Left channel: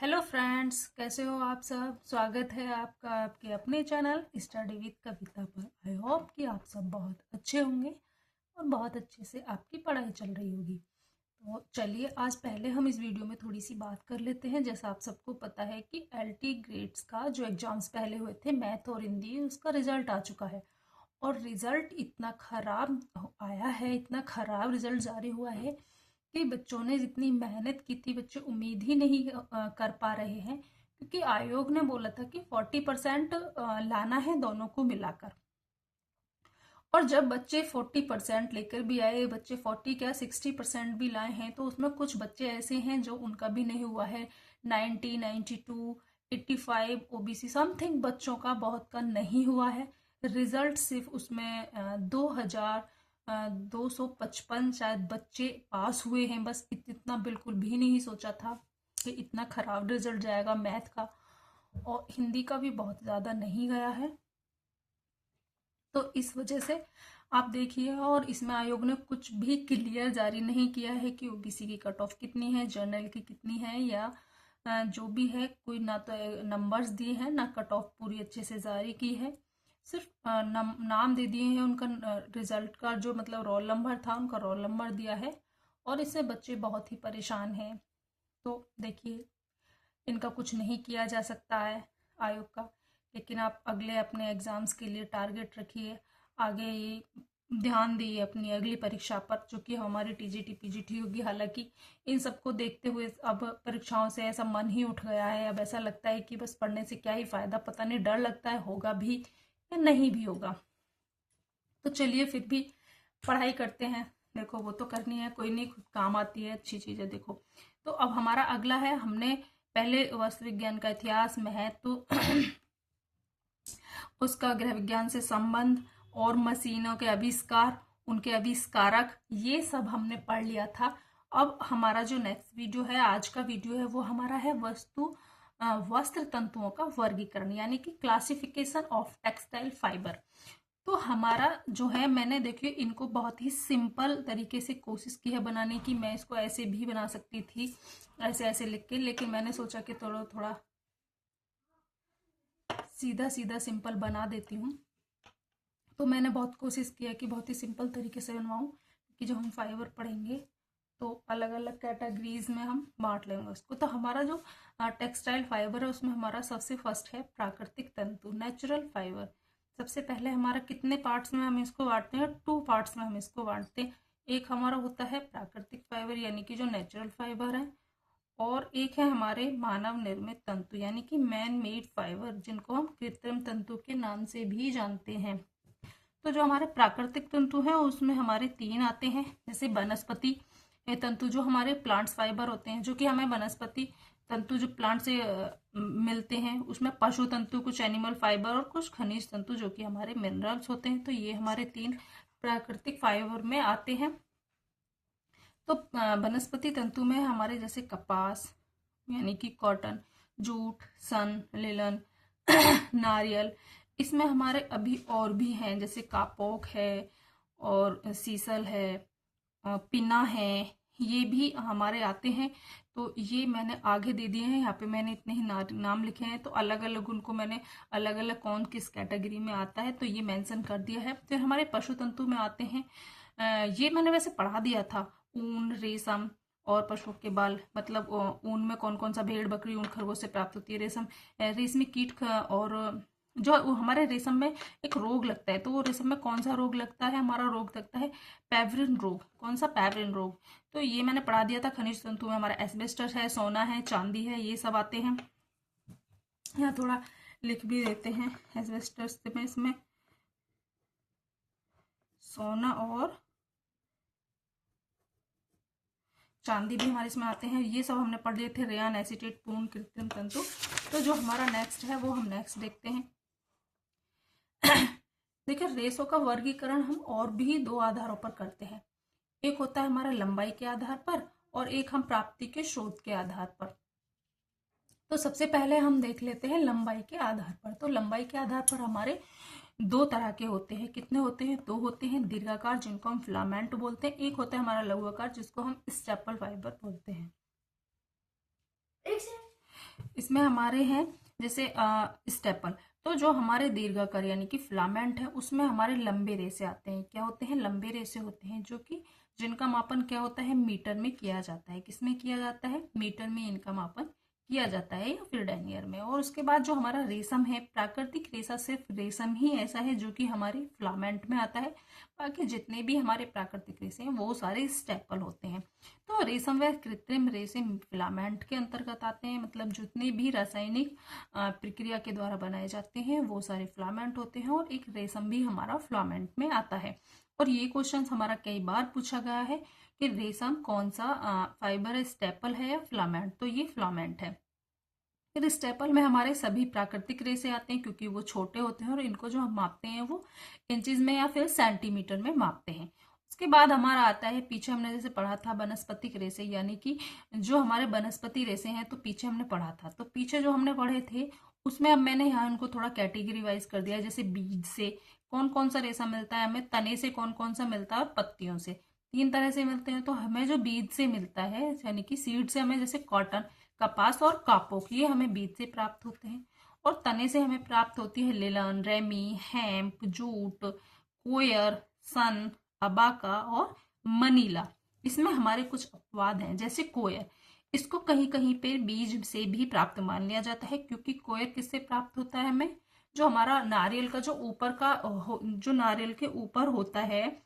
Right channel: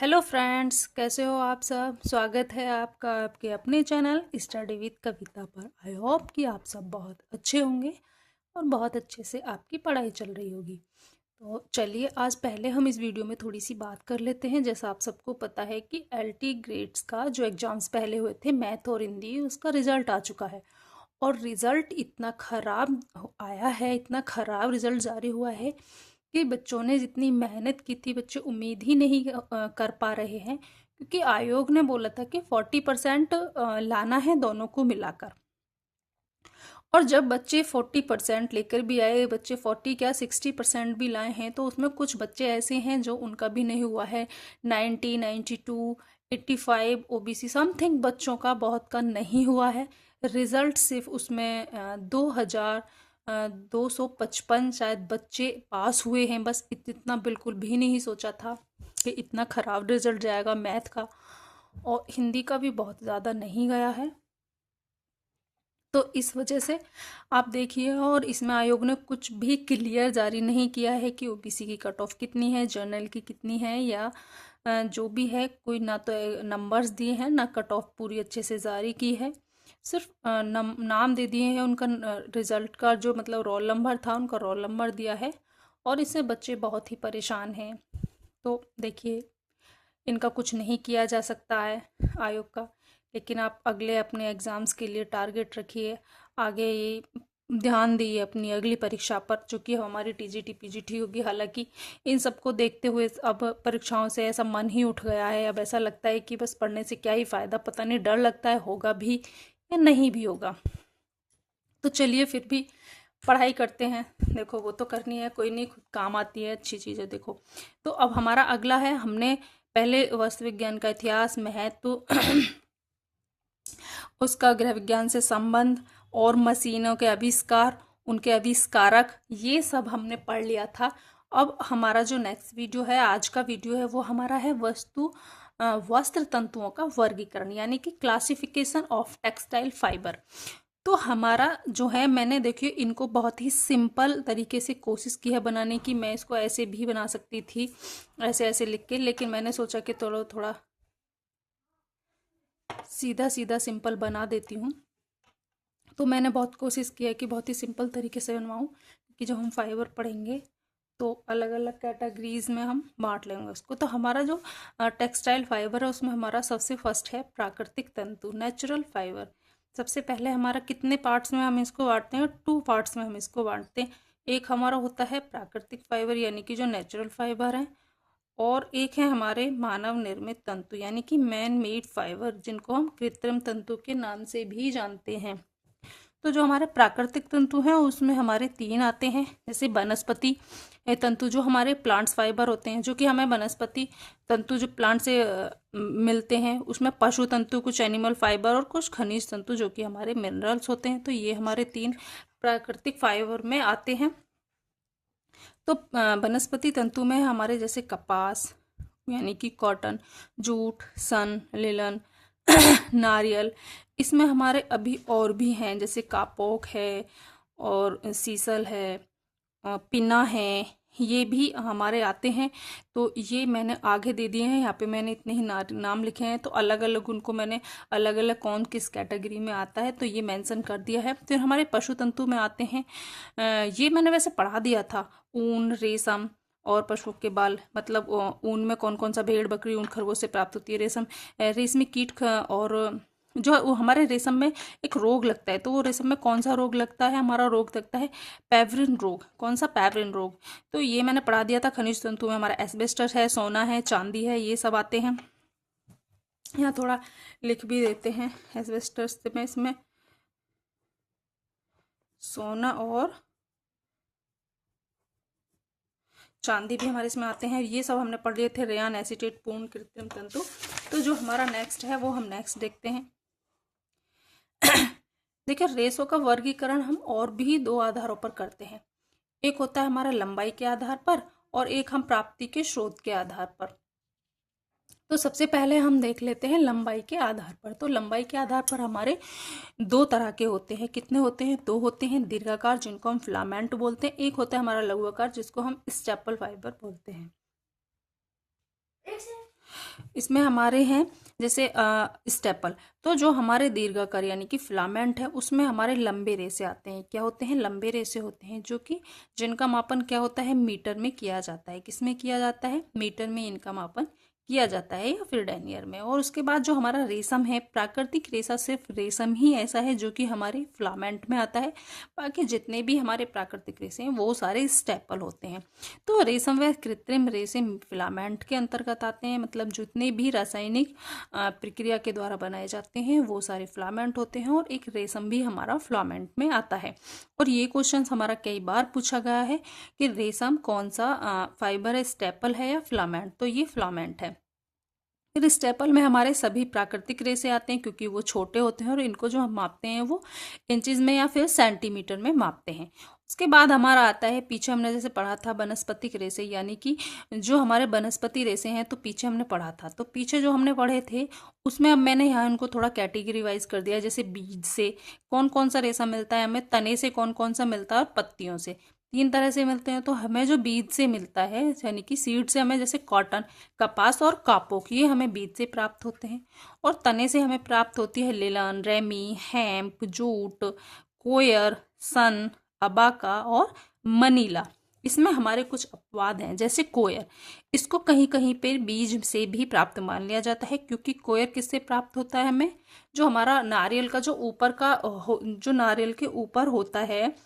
Hello friends, कैसे हो आप सब। स्वागत है आपका आपके अपने चैनल स्टडी विद कविता पर। आई होप कि आप सब बहुत अच्छे होंगे और बहुत अच्छे से आपकी पढ़ाई चल रही होगी। तो चलिए आज पहले हम इस वीडियो में थोड़ी सी बात कर लेते हैं। जैसा आप सबको पता है कि एलटी ग्रेड्स का जो एग्ज़ाम्स पहले हुए थे मैथ और हिंदी, उसका रिज़ल्ट आ चुका है। और रिज़ल्ट इतना ख़राब आया है, इतना ख़राब रिज़ल्ट जारी हुआ है कि बच्चों ने जितनी मेहनत की थी बच्चे उम्मीद ही नहीं कर पा रहे हैं। क्योंकि आयोग ने बोला था कि 40% लाना है दोनों को मिलाकर। और जब बच्चे 40% लेकर भी आए, बच्चे 40 क्या 60% भी लाए हैं, तो उसमें कुछ बच्चे ऐसे हैं जो उनका भी नहीं हुआ है। 90, 92, 85 ओबीसी समथिंग बच्चों का बहुत का नहीं हुआ है। रिजल्ट सिर्फ उसमें 2,255 शायद बच्चे पास हुए हैं। बस इतना बिल्कुल भी नहीं सोचा था कि इतना ख़राब रिजल्ट जाएगा मैथ का। और हिंदी का भी बहुत ज़्यादा नहीं गया है। तो इस वजह से आप देखिए, और इसमें आयोग ने कुछ भी क्लियर जारी नहीं किया है कि ओबीसी की कट ऑफ कितनी है, जनरल की कितनी है, या जो भी है कोई ना तो नंबर्स दिए हैं ना कट ऑफ पूरी अच्छे से जारी की है। सिर्फ नाम दे दिए हैं उनका, रिजल्ट का जो मतलब रोल नंबर था उनका रोल नंबर दिया है। और इससे बच्चे बहुत ही परेशान हैं। तो देखिए, इनका कुछ नहीं किया जा सकता है आयोग का। लेकिन आप अगले अपने एग्ज़ाम्स के लिए टारगेट रखिए, आगे ये ध्यान दिए अपनी अगली परीक्षा पर, जो कि हमारी टीजीटी पीजीटी होगी। हालांकि इन सबको देखते हुए अब परीक्षाओं से ऐसा मन ही उठ गया है। अब ऐसा लगता है कि बस पढ़ने से क्या ही फ़ायदा, पता नहीं, डर लगता है होगा भी या नहीं भी होगा। तो चलिए फिर भी पढ़ाई करते हैं। देखो वो तो करनी है, कोई नहीं, खुद काम आती है अच्छी चीज़ है। देखो तो अब हमारा अगला है, हमने पहले वस्तु विज्ञान का इतिहास, महत्व, उसका गृह विज्ञान से संबंध और मशीनों के आविष्कार, उनके आविष्कारक, ये सब हमने पढ़ लिया था। अब हमारा जो नेक्स्ट वीडियो है, आज का वीडियो है, वो हमारा है वस्त्र तंतुओं का वर्गीकरण, यानी कि क्लासिफिकेशन ऑफ टेक्सटाइल फाइबर। तो हमारा जो है, मैंने देखिए इनको बहुत ही सिंपल तरीके से कोशिश की है बनाने की। मैं इसको ऐसे भी बना सकती थी, ऐसे ऐसे लिख के, लेकिन मैंने सोचा कि थोड़ा थोड़ा सीधा सीधा सिंपल बना देती हूँ। तो मैंने बहुत कोशिश की है कि बहुत ही सिंपल तरीके से बनवाऊँ, कि जो हम फाइबर पढ़ेंगे तो अलग अलग कैटेगरीज में हम बांट लेंगे उसको। तो हमारा जो टेक्सटाइल फाइबर है उसमें हमारा सबसे फर्स्ट है प्राकृतिक तंतु, नेचुरल फाइबर। सबसे पहले हमारा कितने पार्ट्स में हम इसको बांटते हैं, 2 पार्ट्स में हम इसको बांटते हैं। एक हमारा होता है प्राकृतिक फाइबर यानी कि जो नेचुरल फाइबर है, और एक है हमारे मानव निर्मित तंतु यानी कि मैन मेड फाइबर, जिनको हम कृत्रिम तंतु के नाम से भी जानते हैं। तो जो हमारे प्राकृतिक तंतु हैं उसमें हमारे 3 आते हैं। जैसे वनस्पति तंतु, जो हमारे प्लांट्स फाइबर होते हैं, जो कि हमें वनस्पति तंतु जो प्लांट से मिलते हैं। उसमें पशु तंतु, कुछ एनिमल फाइबर, और कुछ खनिज तंतु जो कि हमारे मिनरल्स होते हैं। तो ये हमारे 3 प्राकृतिक फाइबर में आते हैं। तो वनस्पति तंतु में हमारे जैसे कपास यानी कि कॉटन, जूट, सन, लिलन, नारियल। इसमें हमारे अभी और भी हैं, जैसे कापोक है और सीसल है, पिना है, ये भी हमारे आते हैं। तो ये मैंने आगे दे दिए हैं, यहाँ पे मैंने इतने ही नाम लिखे हैं। तो अलग अलग उनको मैंने अलग अलग कौन किस कैटेगरी में आता है तो ये मेंशन कर दिया है। फिर हमारे पशु तंतु में आते हैं, ये मैंने वैसे पढ़ा दिया था, ऊन, रेशम और पशु के बाल। मतलब ऊन में कौन कौन सा, भेड़, बकरी, ऊन, खरगोश से प्राप्त होती है। रेशम, रेशमी कीट और जो वो हमारे रेशम में एक रोग लगता है, तो वो रेशम में कौन सा रोग लगता है, हमारा रोग लगता है पेवरिन रोग। कौन सा, पेवरिन रोग। तो ये मैंने पढ़ा दिया था। खनिज तंतु में हमारा एस्बेस्टस है, सोना है, चांदी है, ये सब आते हैं। यहाँ थोड़ा लिख भी देते हैं, एस्बेस्टस में इसमें सोना और चांदी भी हमारे इसमें आते हैं। ये सब हमने पढ़ लिए थे, रेयान, एसीटेट, पूर्ण कृत्रिम तंतु। तो जो हमारा नेक्स्ट है वो हम नेक्स्ट देखते हैं। देखिए, रेशों का वर्गीकरण हम और भी 2 आधारों पर करते हैं। एक होता है हमारा लंबाई के आधार पर, और एक हम प्राप्ति के स्रोत के आधार पर। तो सबसे पहले हम देख लेते हैं लंबाई के आधार पर। तो लंबाई के आधार पर हमारे 2 तरह के होते हैं। कितने होते हैं, 2 होते हैं। दीर्घाकार, जिनको हम फिलामेंट बोलते हैं। एक होता है हमारा लघुआकार, जिसको हम स्टेपल फाइबर बोलते हैं। इसमें हमारे हैं जैसे स्टेपल। तो जो हमारे दीर्घाकार यानी कि फिलामेंट है उसमें हमारे लंबे रेशे आते हैं। क्या होते हैं? लंबे रेशे होते हैं, जो कि जिनका मापन क्या होता है? मीटर में किया जाता है। किसमें किया जाता है? मीटर में इनका मापन किया जाता है या फिर डेनियर में। और उसके बाद जो हमारा रेशम है, प्राकृतिक रेशा सिर्फ रेशम ही ऐसा है जो कि हमारे फिलामेंट में आता है। बाकी जितने भी हमारे प्राकृतिक रेशे हैं वो सारे स्टेपल होते हैं। तो रेशम व कृत्रिम रेशे फिलामेंट के अंतर्गत आते हैं। मतलब जितने भी रासायनिक प्रक्रिया के द्वारा बनाए जाते हैं वो सारे फिलामेंट होते हैं, और एक रेशम भी हमारा फिलामेंट में आता है। और ये क्वेश्चन हमारा कई बार पूछा गया है कि रेशम कौन सा फाइबर है, स्टेपल है या फिलामेंट? तो ये फिलामेंट है। फिर स्टेपल में हमारे सभी प्राकृतिक रेशे आते हैं, क्योंकि वो छोटे होते हैं और इनको जो हम मापते हैं वो इंचज में या फिर सेंटीमीटर में मापते हैं। उसके बाद हमारा आता है, पीछे हमने जैसे पढ़ा था वनस्पतिक रेशे, यानी कि जो हमारे वनस्पति रेशे हैं, तो पीछे हमने पढ़ा था। तो पीछे जो हमने पढ़े थे उसमें अब मैंने यहाँ इनको थोड़ा कैटेगरी वाइज कर दिया। जैसे बीज से कौन कौन सा रेशा मिलता है हमें, तने से कौन कौन सा मिलता है, और पत्तियों से। 3 तरह से मिलते हैं। तो हमें जो बीज से मिलता है यानी कि सीड से हमें जैसे कॉटन, कपास और कापोक, ये हमें बीज से प्राप्त होते हैं। और तने से हमें प्राप्त होती है लिलन, रेमी, हेम्प, जूट, कोयर, सन, अबाका और मनीला। इसमें हमारे कुछ अपवाद हैं, जैसे कोयर, इसको कहीं कहीं पे बीज से भी प्राप्त मान लिया जाता है, क्योंकि कोयर किससे प्राप्त होता है हमें? जो हमारा नारियल का जो ऊपर का जो नारियल के ऊपर होता है,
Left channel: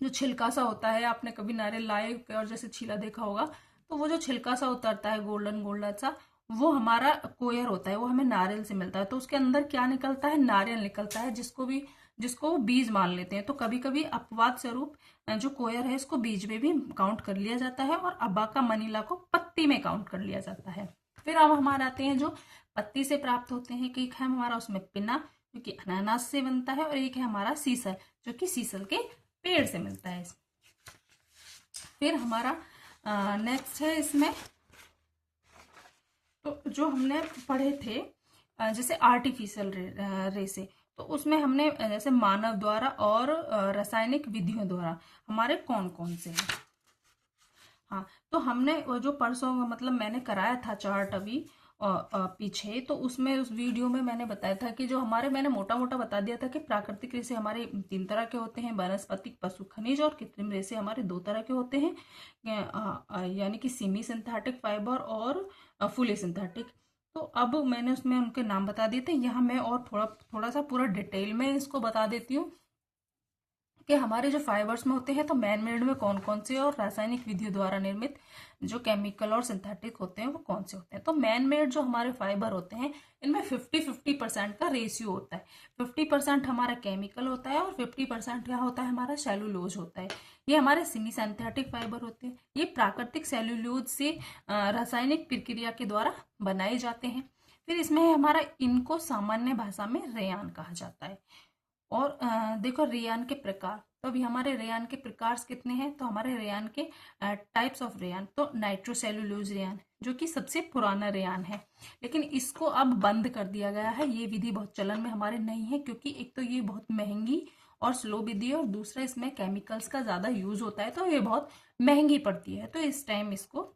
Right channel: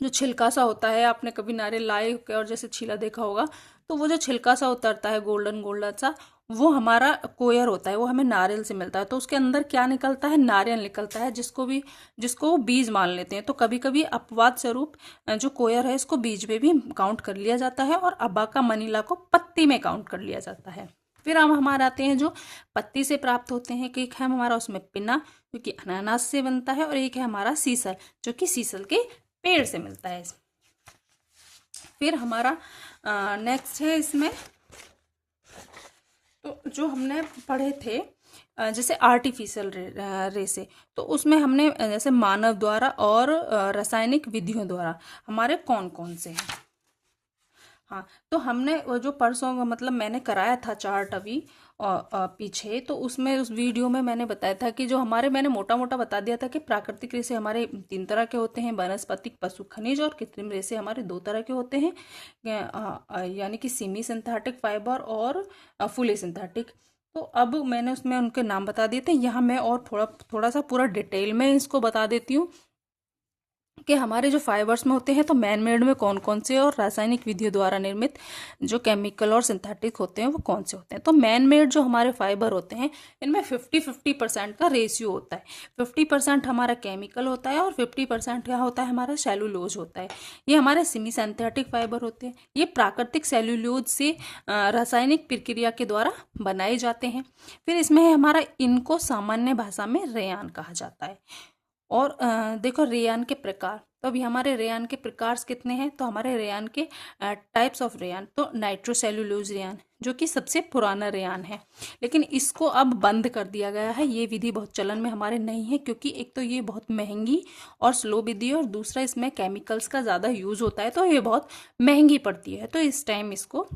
जो छिलका सा होता है, आपने कभी नारियल लाए और जैसे छीला देखा होगा, तो वो जो छिलका सा उतरता है गोल्डन गोल्डन सा, वो हमारा कोयर होता है। वो हमें नारियल से मिलता है। तो उसके अंदर क्या निकलता है? नारियल निकलता है, जिसको वो बीज मान लेते हैं। तो कभी कभी अपवाद स्वरूप जो कोयर है इसको बीज में भी काउंट कर लिया जाता है, और अबाका मनीला को पत्ती में काउंट कर लिया जाता है। फिर हम हमारे आते हैं जो पत्ती से प्राप्त होते हैं, कि एक है हमारा उसमें पिना, जो कि अनानास से बनता है, और एक है हमारा सीसल, जो कि सीसल के पेड़ से मिलता है। फिर हमारा नेक्स्ट है इसमें, तो जो हमने पढ़े थे जैसे आर्टिफिशियल रेसे, तो उसमें हमने जैसे मानव द्वारा और रासायनिक विधियों द्वारा हमारे कौन कौन से हैं। हाँ, तो हमने वो जो परसों मतलब मैंने कराया था चार्ट अभी पीछे, तो उसमें उस वीडियो में मैंने बताया था कि जो हमारे, मैंने मोटा मोटा बता दिया था कि प्राकृतिक रेशे हमारे 3 तरह के होते हैं, वनस्पतिक, पशु खनिज, और कृत्रिम रेशे हमारे 2 तरह के होते हैं, यानी कि सेमी सिंथेटिक फाइबर और फुली सिंथेटिक। तो अब मैंने उसमें उनके नाम बता दिए थे। यहाँ मैं और थोड़ा थोड़ा सा पूरा डिटेल में इसको बता देती हूँ कि हमारे जो फाइबर्स में होते हैं, तो मैन मेड में कौन कौन से और रासायनिक विधियों द्वारा निर्मित जो केमिकल और सिंथेटिक होते हैं वो कौन से होते हैं। तो मैन मेड जो हमारे फाइबर होते हैं, इनमें 50-50% का रेशियो होता है। 50% हमारा केमिकल होता है और 50% क्या होता है? हमारा सेलुलोज होता है। ये हमारे सेमी सिंथेटिक फाइबर होते हैं। ये प्राकृतिक सेलुलोज से रासायनिक प्रक्रिया के द्वारा बनाए जाते हैं। फिर इसमें है हमारा, इनको सामान्य भाषा में रेयान कहा जाता है। और देखो रेयान के प्रकार, तो अभी हमारे रेयान के प्रकार कितने हैं? तो हमारे रेयान के टाइप्स ऑफ रेयान, तो नाइट्रोसेल्यूलोज रेयान जो कि सबसे पुराना रेयान है, लेकिन इसको अब बंद कर दिया गया है। ये विधि बहुत चलन में हमारे नहीं है, क्योंकि एक तो ये बहुत महंगी और स्लो विधि है, और दूसरा इसमें केमिकल्स का ज़्यादा यूज होता है, तो ये बहुत महंगी पड़ती है। तो इस टाइम इसको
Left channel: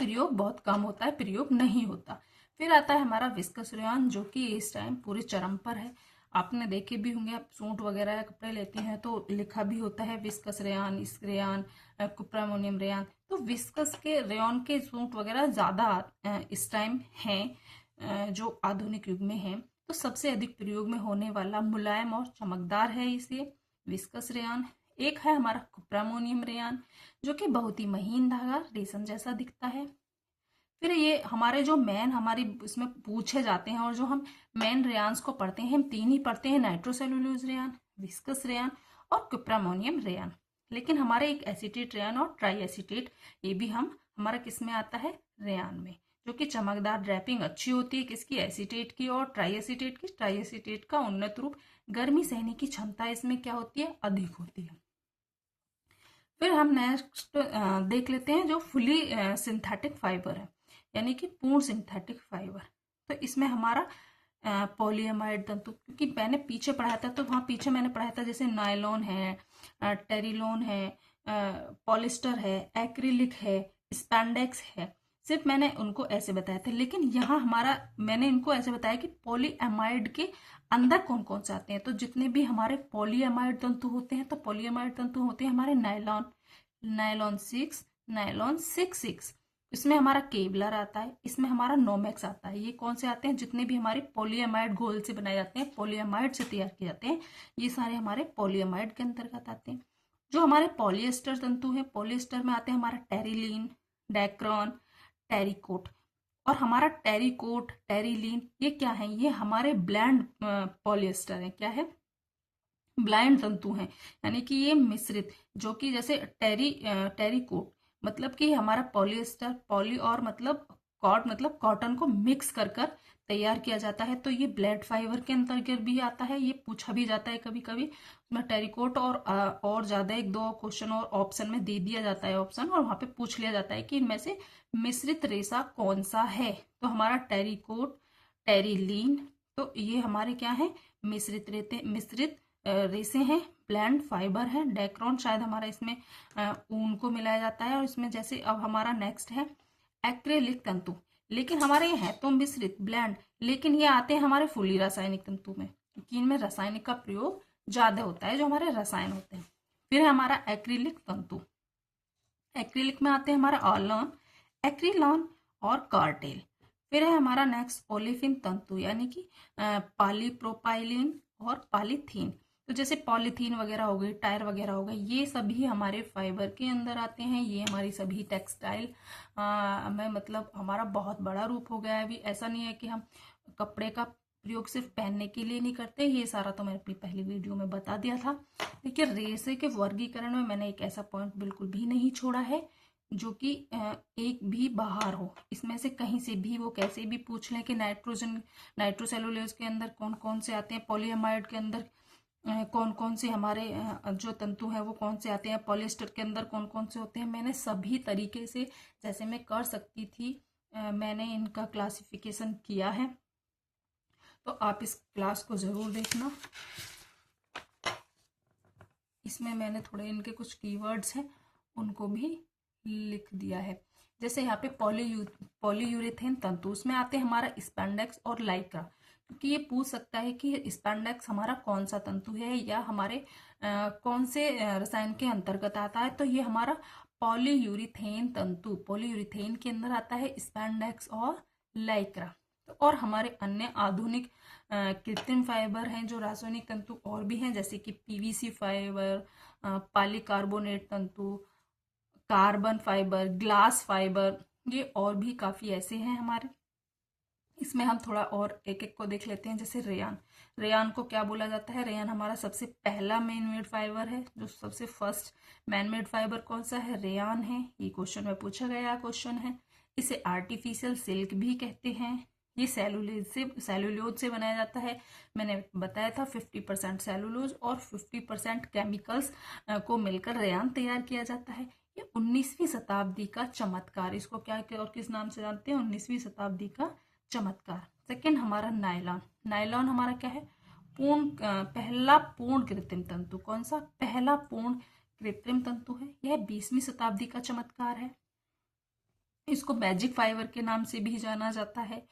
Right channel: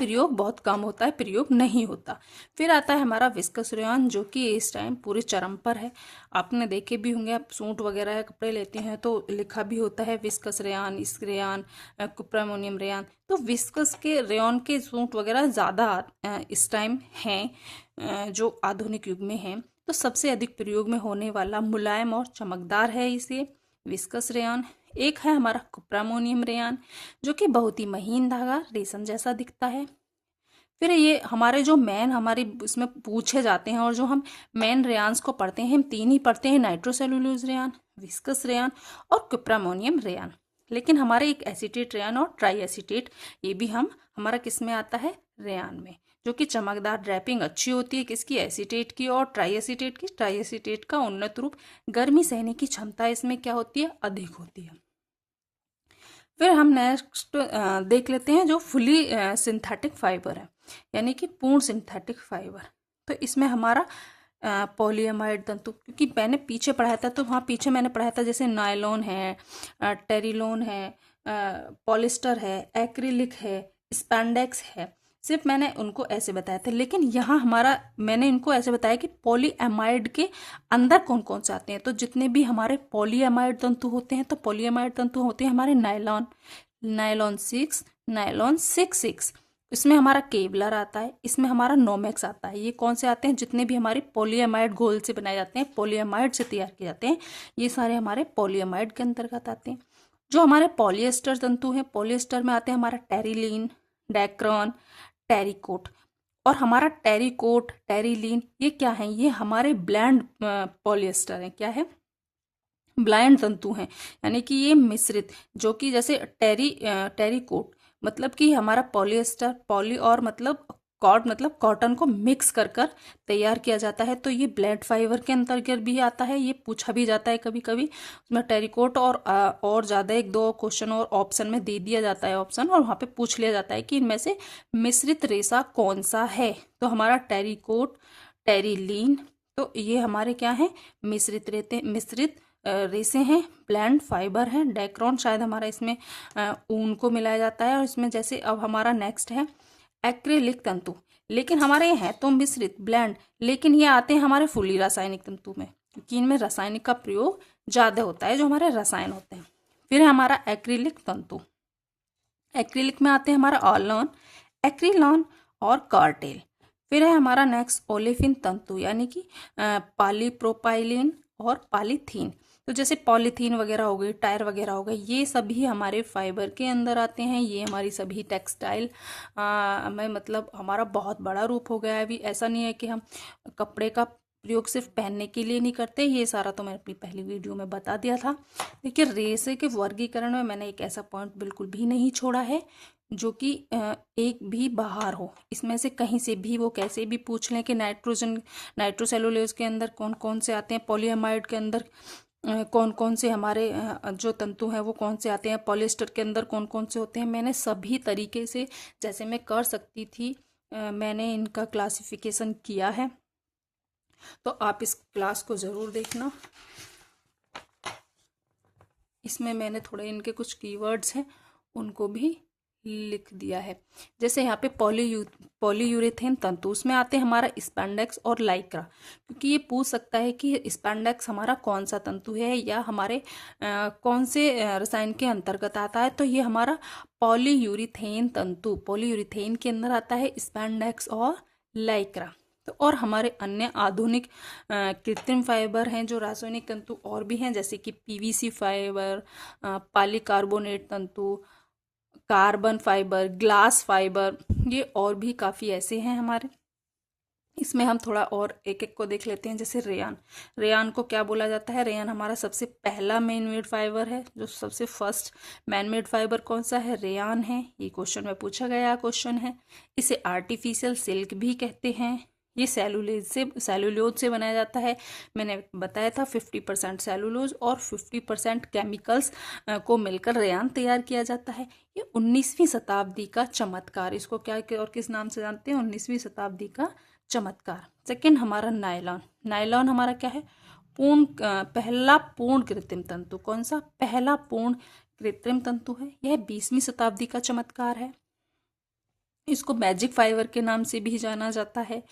प्रयोग बहुत कम होता है, प्रयोग नहीं होता। फिर आता है हमारा विस्कस रेयॉन, जो कि इस टाइम पूरे चरम पर है। आपने देखे भी होंगे, आप सूट वगैरह या कपड़े लेते हैं तो लिखा भी होता है विस्कस रेयॉन, इस्क रेयॉन, कुप्रामोनियम रेयॉन। तो विस्कस के रेयॉन के सूट वगैरह ज़्यादा इस टाइम हैं, जो आधुनिक युग में हैं। तो सबसे अधिक प्रयोग में होने वाला मुलायम और चमकदार है इसे विस्कस रेयॉन। एक है हमारा कुप्रामोनियम रेयॉन, जो कि बहुत ही महीन धागा रेशम जैसा दिखता है। फिर ये हमारे जो मैन हमारी इसमें पूछे जाते हैं, और जो हम मैन रेयान्स को पढ़ते हैं, हम 3 ही पढ़ते हैं, नाइट्रोसेलुलोज रेयान, विस्कस रेयान और कुप्रामोनियम रेयान। लेकिन हमारे एक एसीटेट रेयान और ट्राई एसीटेट, ये भी हमारा किस में आता है? रेयान में, जो कि चमकदार ड्रैपिंग अच्छी होती है किसकी? एसीटेट की और ट्राई एसीटेट की। ट्राई एसीटेट का उन्नत रूप, गर्मी सहने की क्षमता इसमें क्या होती है? अधिक होती है। फिर हम नेक्स्ट देख लेते हैं जो फुली सिंथेटिक फाइबर है, यानी कि पूर्ण सिंथेटिक फाइबर। तो इसमें हमारा पॉलीएमाइड तंतु, क्योंकि मैंने पीछे पढ़ाया था, तो वहाँ पीछे मैंने पढ़ाया था जैसे नायलॉन है, टेरिलोन है, पॉलिस्टर है, एक्रिलिक है, स्पैंडेक्स है। सिर्फ मैंने उनको ऐसे बताया था, लेकिन यहाँ हमारा मैंने इनको ऐसे बताया कि पॉलीएमाइड के अंदर कौन कौन से आते हैं। तो जितने भी हमारे पॉलीएमाइड तंतु होते हैं, तो पॉलीएमाइड तंतु होते हैं हमारे नायलॉन, नायलॉन 6, नायलॉन 6 इसमें हमारा केवलर आता है, इसमें हमारा नोमेक्स आता है। ये कौन से आते हैं? जितने भी हमारे पॉलीएमाइड घोल से बनाए जाते हैं, पॉलीएमाइड से तैयार किए जाते हैं, ये सारे हमारे पॉलीएमाइड के अंतर्गत आते हैं। जो हमारे पॉलिएस्टर तंतु हैं, पॉलिएस्टर में आते हैं हमारा टेरिलीन, डैक्रॉन, टेरिकोट। और हमारा टेरिकोट, टेरिलीन ये क्या है? ये हमारे ब्लैंड पॉलिएस्टर है। क्या है? ब्लाइंड तंतु हैं, यानी कि ये मिश्रित, जो कि जैसे टेरिकोट मतलब कि हमारा पॉलिएस्टर, पॉली और मतलब कॉट मतलब कॉटन को मिक्स कर कर तैयार किया जाता है। तो ये ब्लेड फाइबर के अंतर्गत भी आता है, ये पूछा भी जाता है कभी कभी उसमें टेरिकोट। और ज़्यादा एक दो क्वेश्चन और ऑप्शन में दे दिया जाता है ऑप्शन, और वहाँ पे पूछ लिया जाता है कि इनमें से मिश्रित रेशा कौन सा है। तो हमारा टेरिकोट, टेरिलीन, तो ये हमारे क्या है? मिश्रित रेसे हैं, ब्लैंड फाइबर है। डैक्रॉन शायद हमारा इसमें ऊन को मिलाया जाता है। और इसमें जैसे अब हमारा नेक्स्ट है एक्रिलिक तंतु, लेकिन हमारे ये हैं तो मिश्रित, ब्लैंड, लेकिन ये आते हैं हमारे फुली रासायनिक तंतु में, क्योंकि इनमें रासायनिक का प्रयोग ज़्यादा होता है, जो हमारे रसायन होते हैं। फिर है हमारा एक्रिलिक तंतु, एक्रिलिक में आते हैं हमारा ऑलॉन, एक्रिलॉन और कार्टेल। फिर है हमारा नेक्स्ट ओलेफिन तंतु, यानी कि पॉलीप्रोपाइलीन और पॉलीथीन। तो जैसे पॉलीथीन वगैरह हो गई, टायर वगैरह हो गए, ये सभी हमारे फाइबर के अंदर आते हैं। ये हमारी सभी टेक्सटाइल में मतलब हमारा बहुत बड़ा रूप हो गया है अभी। ऐसा नहीं है कि हम कपड़े का प्रयोग सिर्फ पहनने के लिए नहीं करते, ये सारा तो मैंने अपनी पहली वीडियो में बता दिया था। देखिए, रेसे के वर्गीकरण में मैंने एक ऐसा पॉइंट बिल्कुल भी नहीं छोड़ा है जो कि एक भी बाहर हो। इसमें से कहीं से भी वो कैसे भी पूछ लें कि नाइट्रोसेलुलोज के अंदर कौन कौन से आते हैं, पॉलीएमाइड के अंदर कौन कौन से हमारे जो तंतु हैं वो कौन से आते हैं, पॉलिएस्टर के अंदर कौन कौन से होते हैं, मैंने सभी तरीके से जैसे मैं कर सकती थी मैंने इनका क्लासिफिकेशन किया है। तो आप इस क्लास को ज़रूर देखना। इसमें मैंने थोड़े इनके कुछ कीवर्ड्स हैं उनको भी लिख दिया है। जैसे यहाँ पे पॉलीयूरेथेन तंतु, उसमें आते हैं हमारा स्पैंडेक्स और लाइक्रा, क्योंकि ये पूछ सकता है कि स्पैंडेक्स हमारा कौन सा तंतु है या हमारे कौन से रसायन के अंतर्गत आता है। तो ये हमारा पॉलीयूरेथेन तंतु, पॉलीयूरेथेन के अंदर आता है स्पैंडेक्स और लाइक्रा। तो और हमारे अन्य आधुनिक कृत्रिम फाइबर हैं जो रासायनिक तंतु और भी हैं, जैसे कि पीवीसी फाइबर, पॉलीकार्बोनेट तंतु, कार्बन फाइबर, ग्लास फाइबर, ये और भी काफ़ी ऐसे हैं हमारे। इसमें हम थोड़ा और एक एक को देख लेते हैं। जैसे रेयान, रेयान को क्या बोला जाता है? रेयान हमारा सबसे पहला मैन मेड फाइबर है। जो सबसे फर्स्ट मैन मेड फाइबर कौन सा है? रेयान है। ये क्वेश्चन में पूछा गया क्वेश्चन है। इसे आर्टिफिशियल सिल्क भी कहते हैं। ये सेलुलोज से बनाया जाता है। मैंने बताया था 50% सेलुलोज और 50% केमिकल्स को मिलकर रेयान तैयार किया जाता है। ये 19वीं शताब्दी का चमत्कार, इसको क्या और किस नाम से जानते हैं? 19वीं शताब्दी का चमत्कार। सेकंड हमारा नायलॉन, नायलॉन हमारा क्या है? पहला पूर्ण कृत्रिम तंतु। कौन सा? पहला पूर्ण कृत्रिम तंतु है। यह 20वीं शताब्दी का चमत्कार है। इसको मैजिक फाइबर के नाम से भी जाना जाता है।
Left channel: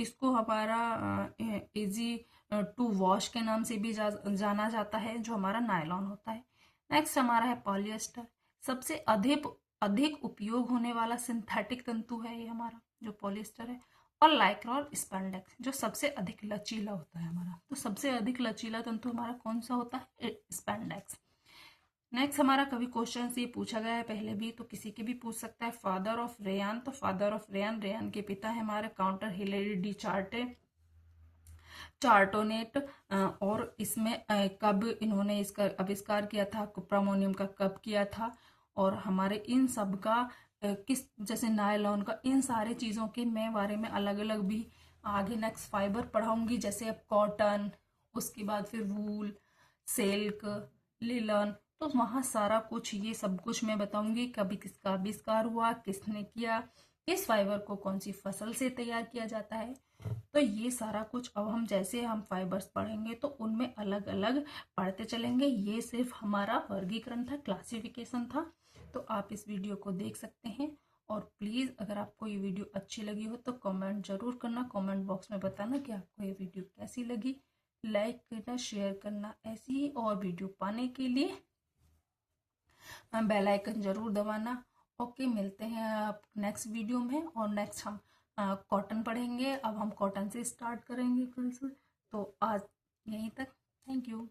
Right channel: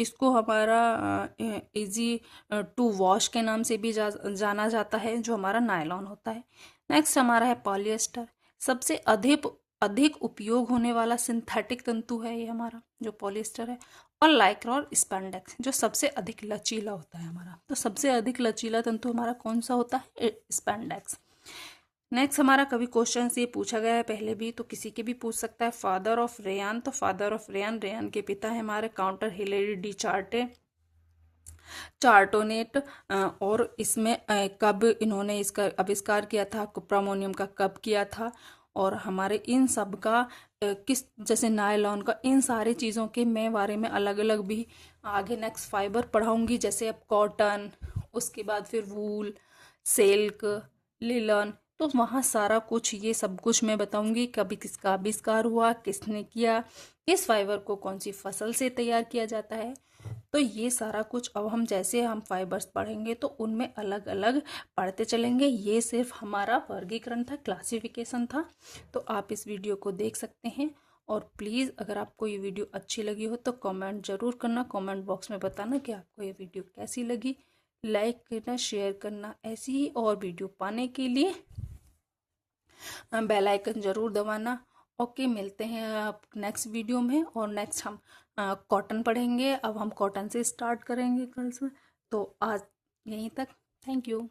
इसको हमारा इजी टू वॉश के नाम से भी जाना जाता है, जो हमारा नायलॉन होता है। नेक्स्ट हमारा है पॉलिएस्टर, सबसे अधिक उपयोग होने वाला सिंथेटिक तंतु है ये हमारा, जो पॉलिएस्टर है। और लाइक्रा और स्पैंडेक्स, जो सबसे अधिक लचीला होता है हमारा। तो सबसे अधिक लचीला तंतु हमारा कौन सा होता है? स्पैंडेक्स। नेक्स्ट हमारा कभी क्वेश्चन से पूछा गया है पहले भी, तो किसी के भी पूछ सकता है। फादर ऑफ रेयान, तो फादर ऑफ रेयान, रेयान के पिता है हमारे काउंटर हिलेरी डी चार्टोनेट। और इसमें कब इन्होंने इसका आविष्कार किया था, कुप्रामोनियम का कब किया था, और हमारे इन सब का किस, जैसे नायलॉन का, इन सारी चीज़ों के मैं बारे में अलग अलग भी आगे नेक्स्ट फाइबर पढ़ाऊंगी। जैसे अब कॉटन, उसके बाद फिर वूल, सिल्क, लिलन, तो वहाँ सारा कुछ ये सब कुछ मैं बताऊंगी। कभी किसका आविष्कार हुआ, किसने किया, किस फाइबर को कौन सी फसल से तैयार किया जाता है। तो ये सारा कुछ अब हम जैसे हम फाइबर्स पढ़ेंगे तो उनमें अलग अलग पढ़ते चलेंगे। ये सिर्फ हमारा वर्गीकरण था, क्लासिफिकेशन था। तो आप इस वीडियो को देख सकते हैं और प्लीज़ अगर आपको ये वीडियो अच्छी लगी हो तो कमेंट ज़रूर करना, कमेंट बॉक्स में बताना कि आपको ये वीडियो कैसी लगी। लाइक करना, शेयर करना। ऐसी ही और वीडियो पाने के लिए बेल आइकन ज़रूर दबाना। ओके, मिलते हैं आप नेक्स्ट वीडियो में। और नेक्स्ट हम कॉटन पढ़ेंगे। अब हम कॉटन से स्टार्ट करेंगे कल से। तो आज यहीं तक। Thank you.